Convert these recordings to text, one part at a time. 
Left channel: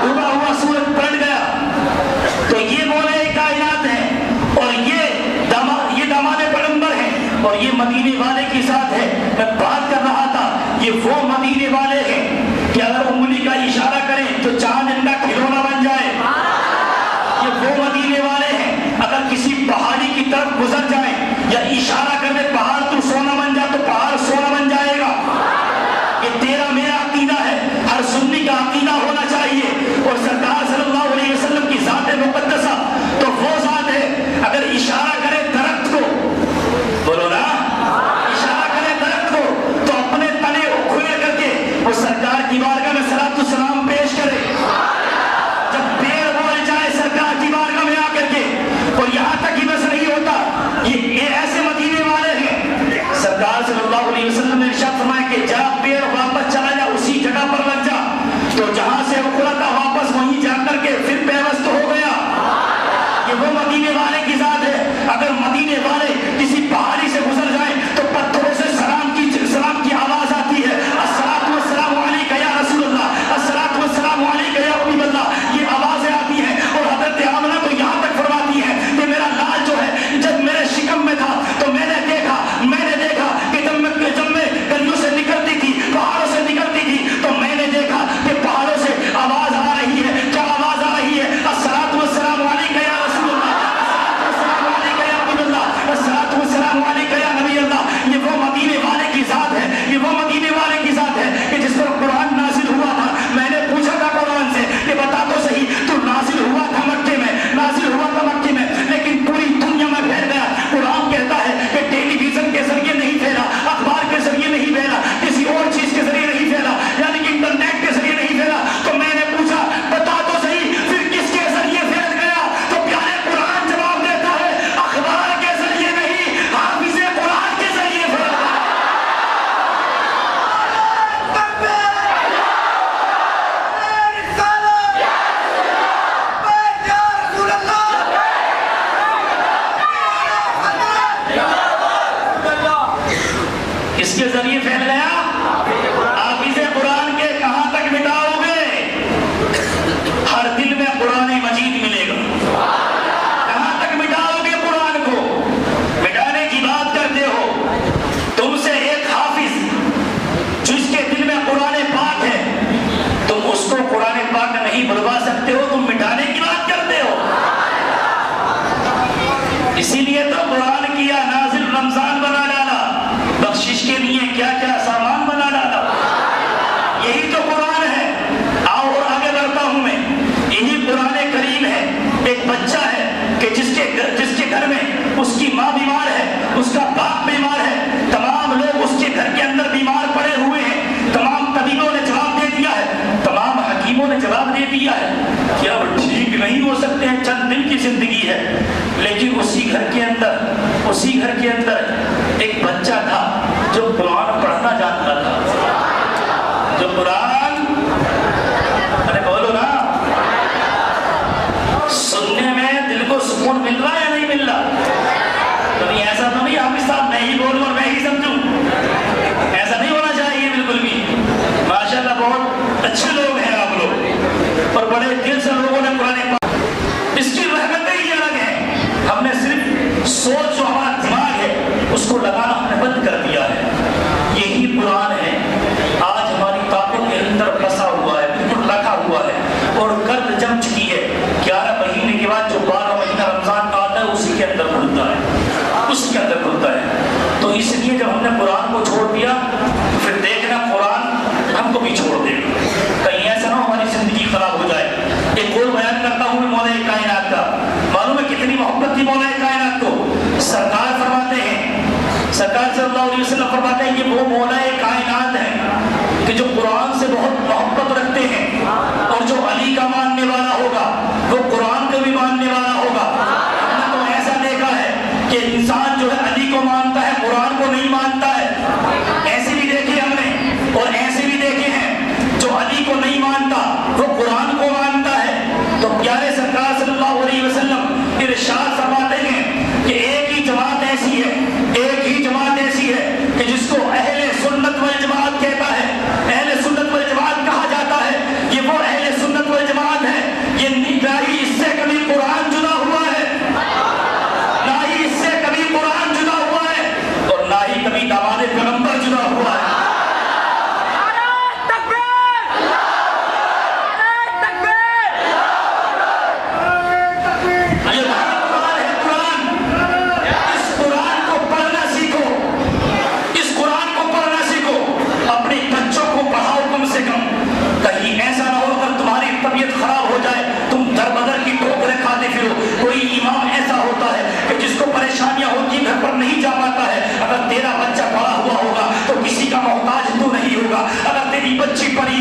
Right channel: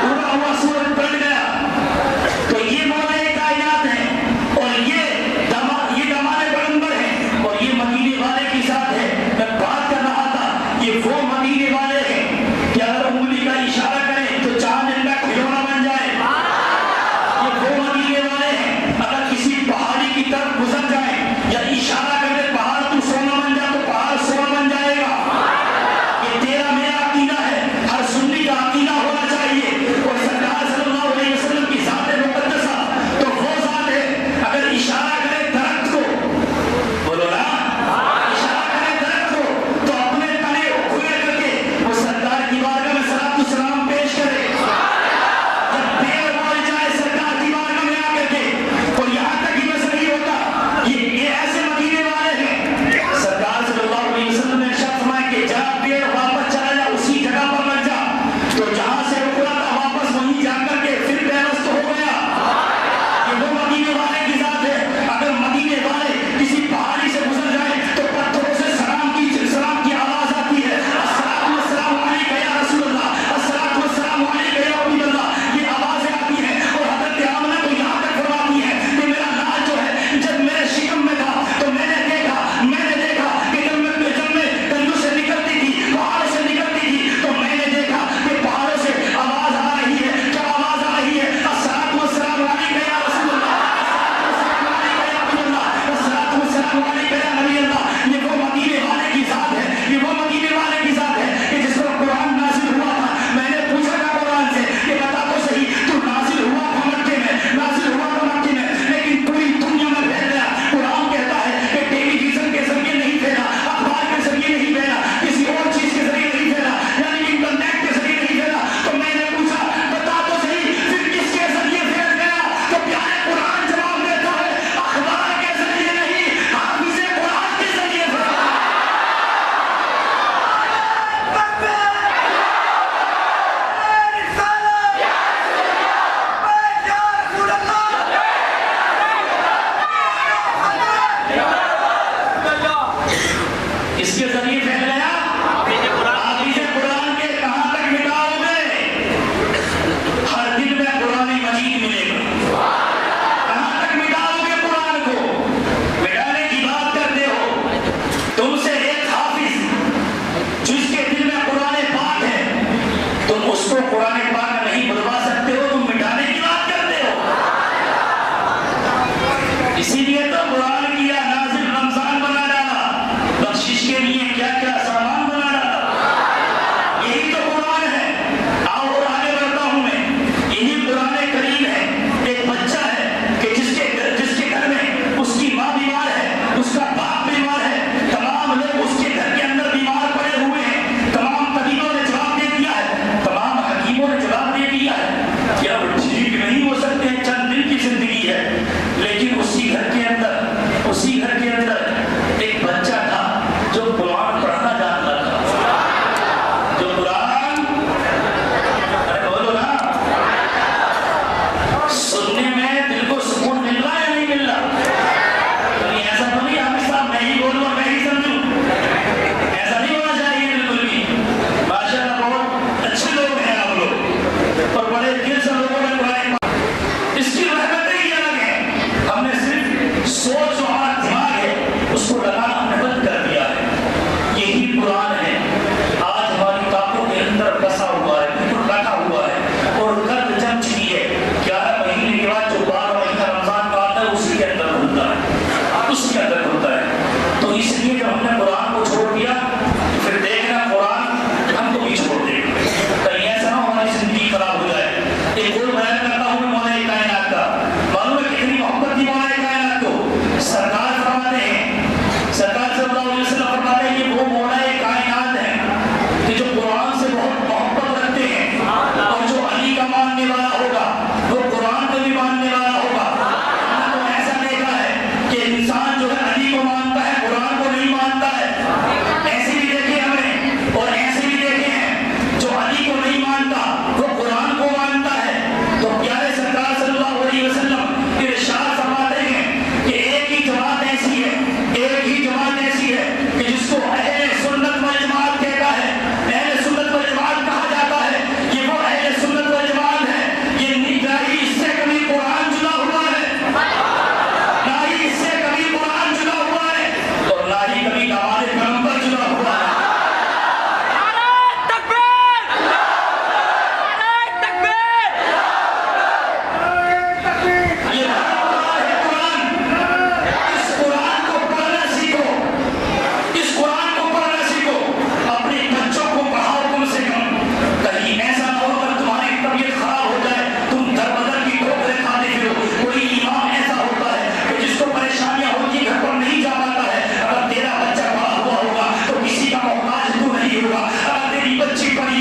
پورا ہوا سورج پلٹ گیا. تو یہ مولا کائنات ہے اور یہ داماد پیغمبر ہے اور یہ مدینے والے کے ساتھ ہے. میں بات کر رہا تھا یہ وہ مدینے والے ہیں کہ اگر انگلی کا اشارہ کریں تو چاند ان کا کھلونا بن جائے. اور وہ مدینے والے ہیں اگر کسی پہاڑی کی طرف گزر جائے یا اشارہ کر دے پہاڑ تو سونا بن جا تو پہاڑ سونا بن جائے گا. یہ تیرا میرا عقیدہ ہے. ہر سنی کا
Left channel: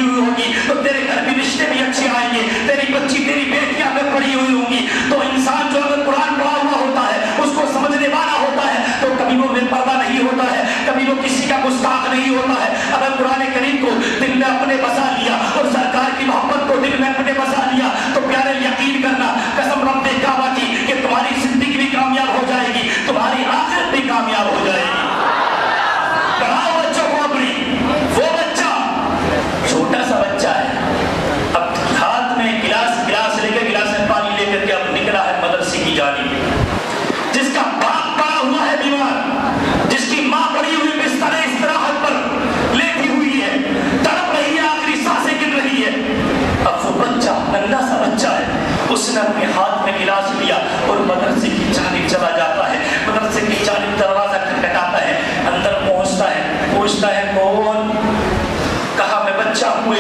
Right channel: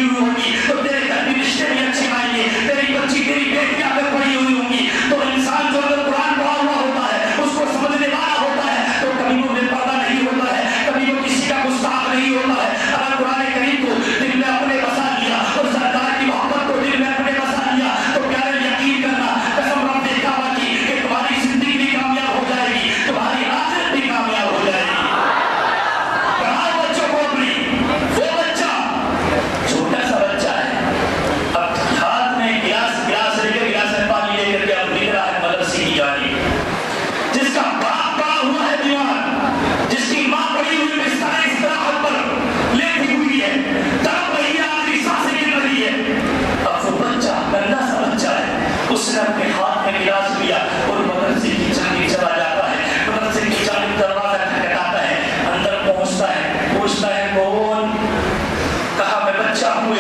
ہوئی ہوگی تو تیرے گھر بھی رشتے بھی اچھے آئیں گے. تیری بچی تیری بیٹیاں اگر پڑھی ہوئی ہوں گی تو انسان جو اگر قرآن پڑھا ہوا ہوتا ہے اس کو سمجھنے والا ہوتا ہے تو کبھی وہ بے پردہ نہیں ہوتا ہے, کبھی وہ کسی کا گستاخ نہیں ہوتا ہے. اگر قرآن کریم کو دل میں اپنے بسا لیا اور سرکار کی محبت کو دل میں اپنے بسا لیا تو پیارے یقین کرنا قسم رب کعبہ کی کہ تمہاری زندگی بھی کامیاب ہو جائے گی, تمہاری آخرت بھی کامیاب ہو جائے گی. پڑھاؤ بچوں کو اپنی. وہ بچہ چھوٹا سا بچہ ہے, اب ہاتھ میں گلاس لے کے گلاس میں پانی لے کر کے اب نکلا ہے مدرسے کی جانب, جس کا باپ پڑا ہوا ہے بیمار, جس کی ماں پڑی ہوئی بستر استراحت پر لیٹی ہوئی ہے, تڑپ رہی ہے, آخری سانسیں گر رہی ہے. اب وہ بچہ ننھا سا بچہ ہے, اس نے اپنے ہاتھ میں گلاس لیا اور مدرسے کی جانب چلا جاتا ہے. مدرسے کی جانب دروازہ کھٹکھٹاتا ہے, اندر پہنچتا ہے, پوچھتا ہے کون؟ کہا میں بچہ ہوں,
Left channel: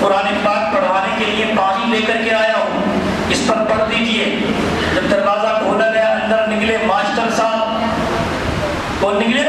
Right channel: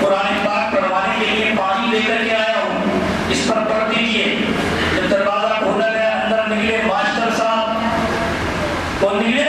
قرآن پاک پڑھوانے کے لیے پانی لے کر کے آیا ہوں, اس پر پڑھ دیجیے. جب دروازہ کھولا گیا اندر نکلے ماسٹر صاحب. کون نکلے؟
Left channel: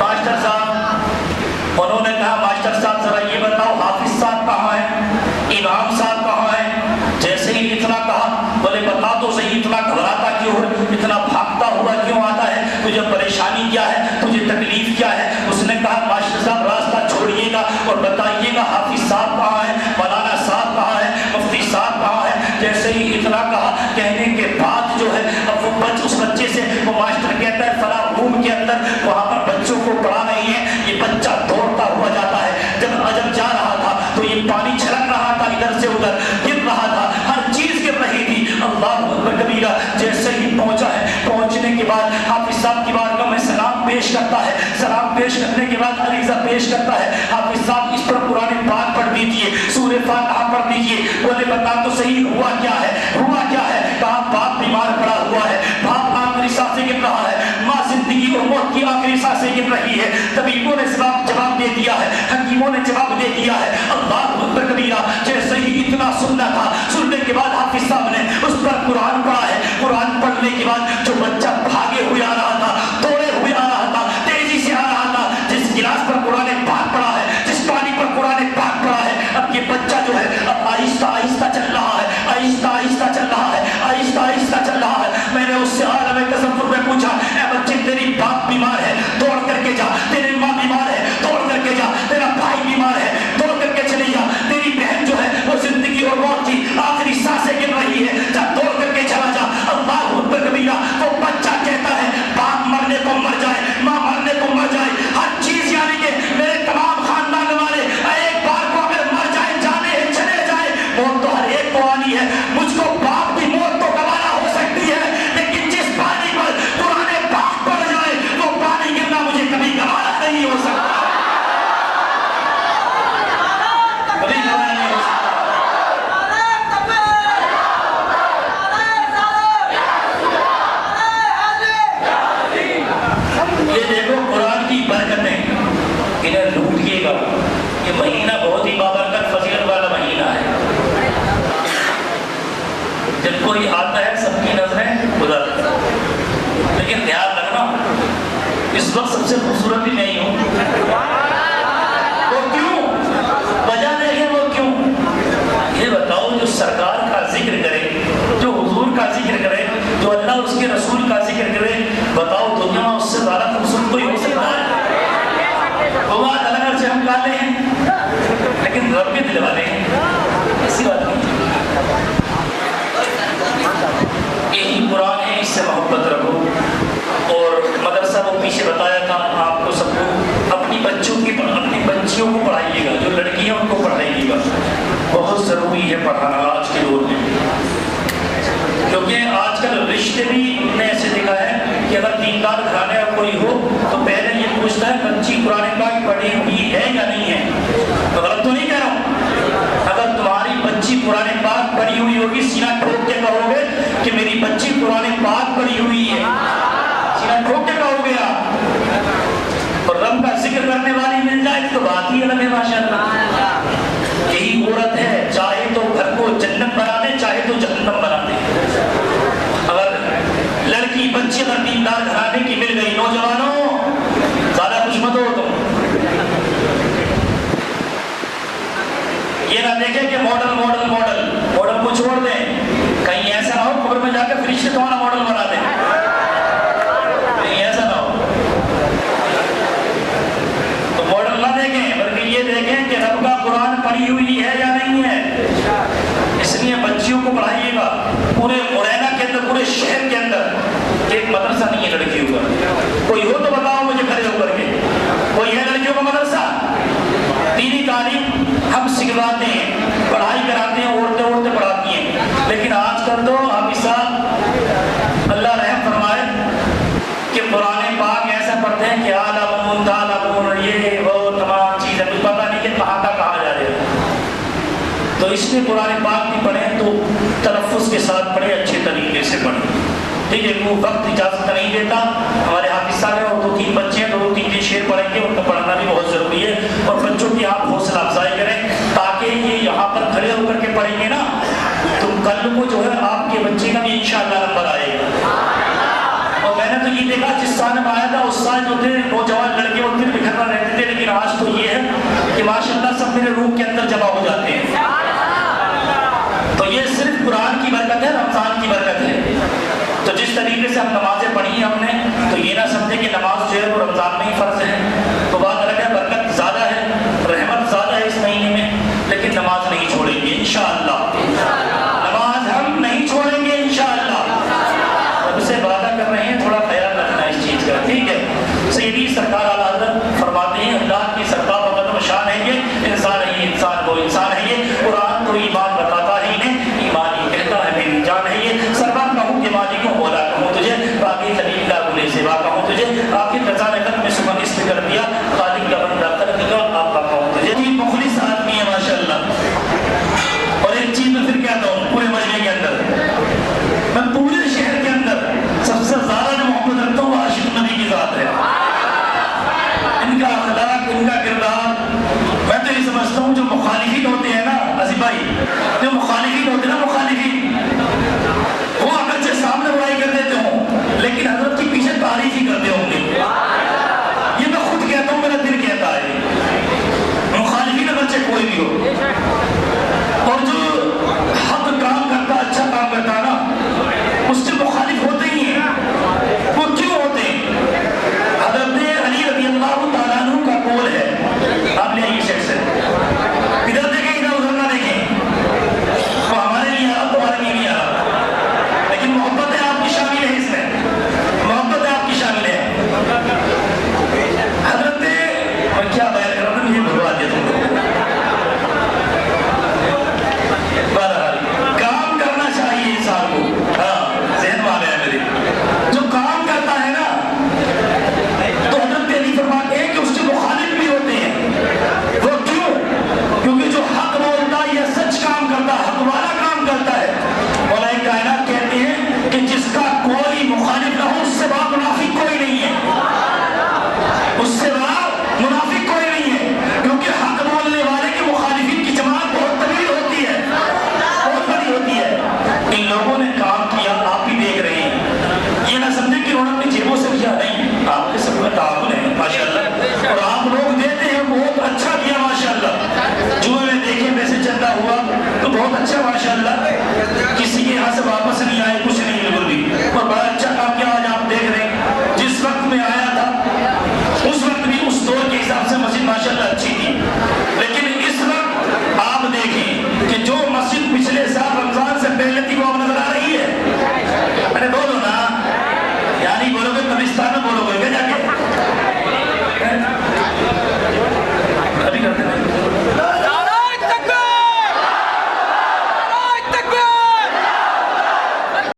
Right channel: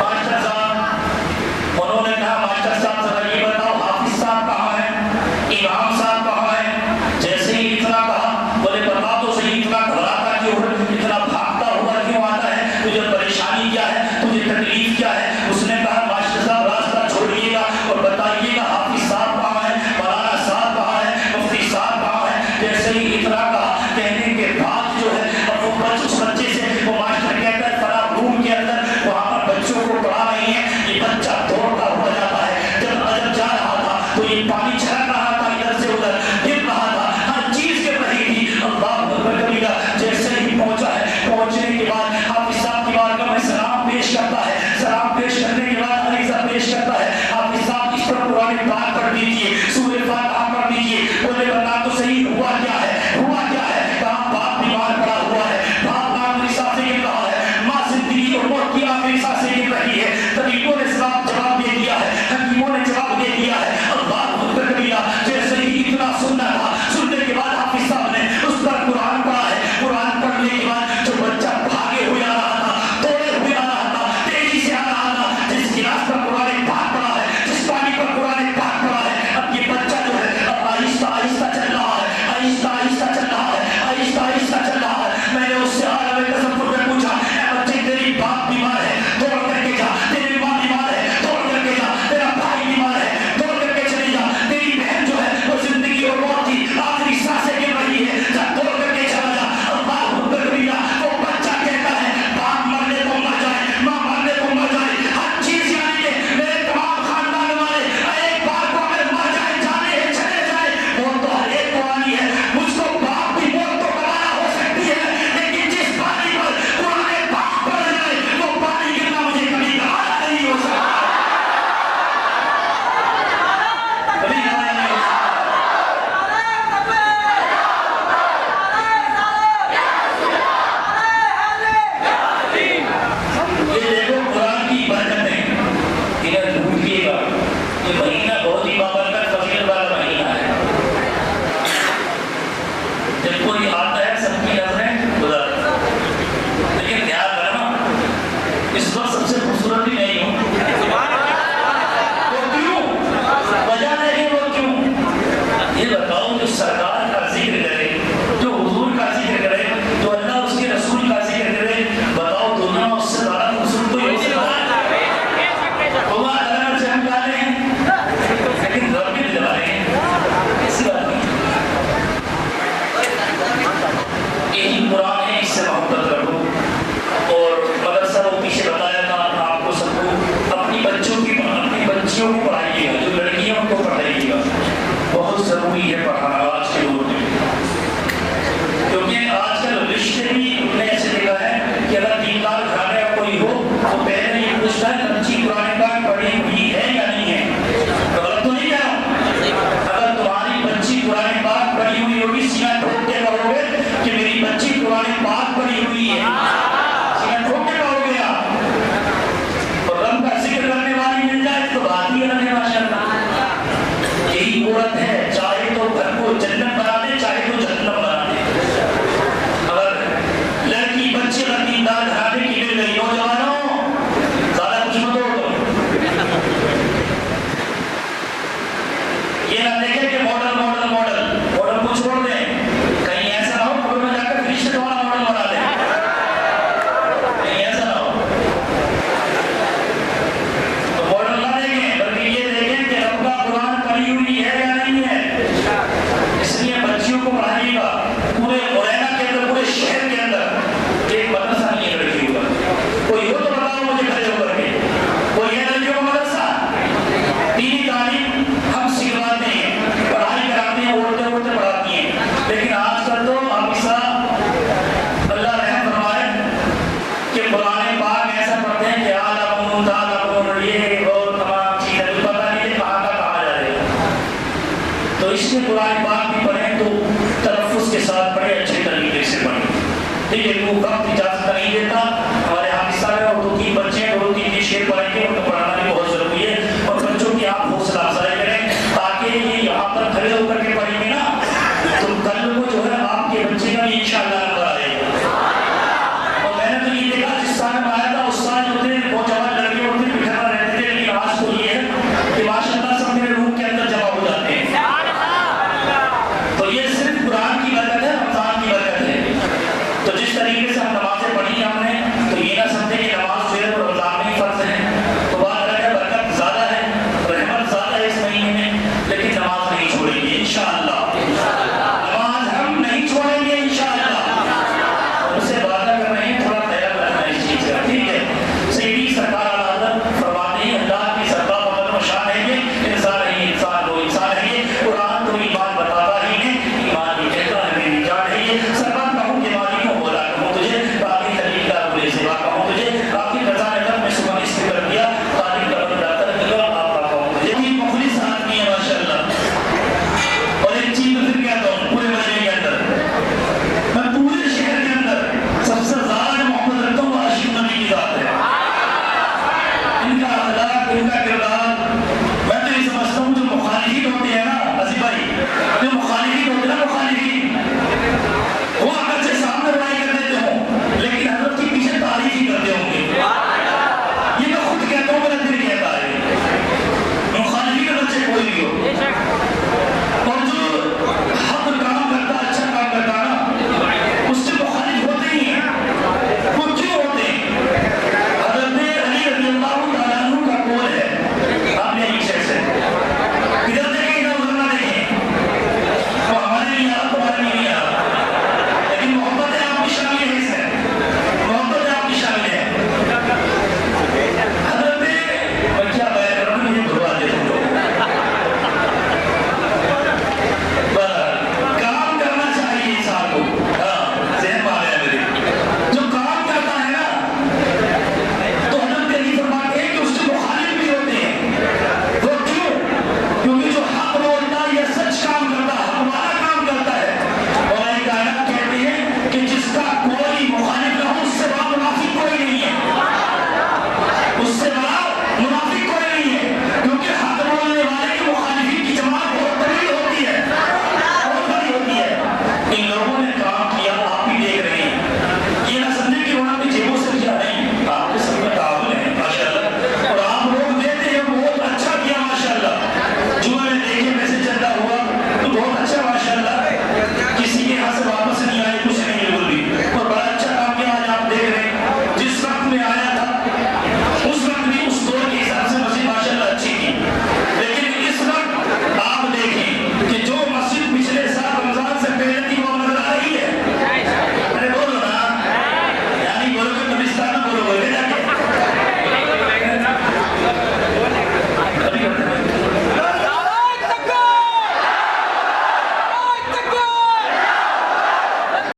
ماسٹر صاحب. انہوں نے کہا ماسٹر صاحب ذرا یہ بتاؤ حافظ صاحب کہاں ہے, امام صاحب کہاں ہے؟ جیسے ہی اتنا کہا بولے بتا تو صحیح, اتنا گھبراتا کیوں ہے, اتنا بھاگتا ہوا کیوں آتا ہے, تجھے پریشانی کیا ہے, تجھے تکلیف کیا ہے؟ اس نے کہا ماسٹر صاحب راستہ چھوڑیے گا اور بتائیے گا حافظ صاحب کہاں ہے, مولانا صاحب کہاں ہے, مفتی صاحب کہاں ہے. جیسے ہی اتنا کہا کہنے کے بعد جو ہے اب وہ اس بچے سے وہ ماسٹر کہتا ہے فلاں روم کے اندر وہاں پر بچوں کو پڑھا رہے ہیں. یہ بچہ دوڑتا ہوا جاتا ہے. جب جا رہا تھا تو یہ پانی چھڑک رہا تھا, ادھر سے ادھر گر رہا تھا, ہر چیز گر رہی تھی. اللہ اکبر کبیرہ. جیسے ہی پہنچا ہے, پہنچنے کے بعد حافظ صاحب کی بارگاہ میں سلام پیش کرتا ہے. سلام پیش کرنے کے بعد عریضہ پیش کرتا ہے, حافظ صاحب اس پر قرآن پاک پڑھ دیجیے, سورہ فاتحہ پڑھ دیجیے. بولے بتا تو صحیح ہوا کیا ہے, ہوا کیا ہے؟ کہا باپ بیمار پڑا ہوا ہے, باپ آخری سانسیں گر رہا ہے, ماں زندگی اور موت کی آخری سانسیں گر رہی ہے. طبیبوں نے جواب دے دیا ہے, حکیموں نے جواب دے دیا ہے. اللہ اکبر کبیرہ. جیسے ہی اتنا سننا تھا, سننے کے بعد حافظ صاحب نے اس پر قرآن پڑھا ہے. قرآن پڑھنے کے بعد جو بچہ بھاگے ہوئے آ رہا تھا, دوڑے ہوئے آ رہا تھا, تیزی سے آ رہا تھا, جس گلاس پر قرآن پاک پڑھا ہے, جس پانی پر قرآن پاک پڑھا ہے, اب یہ بچہ جو ہے اب آہستہ آہستہ چل رہا ہے, آہستہ آہستہ چل رہا ہے, آہستہ آہستہ چل رہا ہے. میں نے اس سے عالم تصور میں پوچھا, اے بچے تیری باپ بیمار ہے, دوڑ کر کے جا, تیری ماں بیمار ہے, دوڑ کر کے جا, تیرا بھائی بیمار ہے, دوڑ کر کے چلی جا, تیری بہن جو ہے وہ زندگی اور موت کی آخری سانسیں گر رہی ہے, جا دوڑ کر کے چلا جا. اللہ اکبر کبیرہ. وہ بچہ کہتا ہے باپ مرنے کو مر جائے, ماں مرنے کو مر جائے, ہر چیز یعنی کہ میرے تمام خاندان والے ایک بار کو اگر مر جائے, جانے ہیں, چلے جائے, موت تو ہر ایک کو آنی ہے. مجھ کو باپ کی موت تو گوارا ہو سکتی ہے, لیکن جس پانی پر قرآن پاک پڑھ جائے وہ پانی گرنا مجھے کبھی گوارا نہیں ہو سکتا. کبھی گوارا نہیں ہو سکتا. یہ دیکھو قرآن کی برکتیں, انہیں لوٹیے گا. یہ مہینہ بہت ہی بابرکت فضیلت والا مہینہ ہے. جب کوئی آتا ہے سب کی نظریں خدا, لیکن دھیان رکھنا اس وقت سب سے خوبصورت بھی نہیں ہوں. وہ کیوں وجہ نہیں, وہ کیوں یہ بتاؤ. جو سرکار کا ذکر کرے, جو حضور کا ذکر کرے, جو اللہ اس کے رسول کا ذکر کرے, بتاؤ دنیا اس سے زیادہ خوبصورت کوئی ہو سکتا ہے؟ وہ اللہ سے ہم جانے ہیں لیکن رب بھی دل والے ہیں, ایسی بات نہیں. یہی قرآن ہے, اس سے محبت رکھو. اور مدرسہ وہ پیچھے بتایا تھا آپ کو سب کو, اپنی بچیوں کو پڑھائیے گا, جو لڑکیاں ان کو پڑھائیے گا. بہت ضروری ہے پڑھانا آج کے دور میں, کیونکہ آج کل رشتے بھی ہم نے ایسے دیکھا ہے کہ اگر دیندار گھرانے کا کوئی ہو تو پہلے یہ پوچھتا ہے بچی قرآن پاک پڑھی ہوئی ہے یا نہیں ہے. تو غلط تو نہیں کہہ رہا ہوں. اگر تمہاری بچی قرآن پاک پڑھی ہوئی ہوگی, سینہ ٹھوک کے کہو گے کہ میری بچی قرآن پاک پڑھی ہوئی ہے, سینہ ٹھوک کے کہو گے آپ. اور رب کا ذکر کرنے والی مل جائے تو بات ہی الگ ہے. ماشاء اللہ یہی عورت ہے, چاہے تو گھر کو جنت بنا دے, چاہے تو جہنم بنا دے. اگر لڑکی بچے اگر دیندار گھرانے کی مل گئی, نوجوانوں زیادہ کچھ مت ہو. یہ نہ دیکھیں کہ ماڈل ماڈل ماڈل ماڈل کو چھوڑ دیں، کہیں ایسا نہ ہو قبر میں جا کے فرشتے تمہارا ماڈل بنا دیں، کہیں ایسا نہ ہو. تو ماڈل نہ دیکھیں بلکہ یہ دیکھیں کہ رب کا قرآن پڑھی ہوئی ہے یا نہیں ہے. اس لیے بچیوں کو پڑھائیے گا. پورے مرینا کے اندر، پورے شہر کے اندر ایک مدرسہ نہیں ہے لڑکیوں کا. کوئی ہو تو بتاؤ مجھے کھڑے ہو کر کے، کوئی ہے لڑکیوں کا مدرسہ؟ دینی تعلیم ہم سکھلاتے ہیں، پڑھائی کراتے ہیں، اڑتے اڑتے پڑھاتی ہیں. لیکن آج کل تو حافظ صاحب اللہ رحم فرمائے کہ قرآن پاک ایسا پڑھتے ہیں کہ عالم تعلم یہ وہ تمام چیزیں پتہ نہیں کہ کہاں کا کہا جا رہا ہے. تو اس لیے قرآن پاک بھی پڑھیں تو تلفظ کے ساتھ پڑھیں، اچھے طریقے سے پڑھیں. ٹھیک ہے، وہ وقت اجازت نہیں دیتا. ہمارے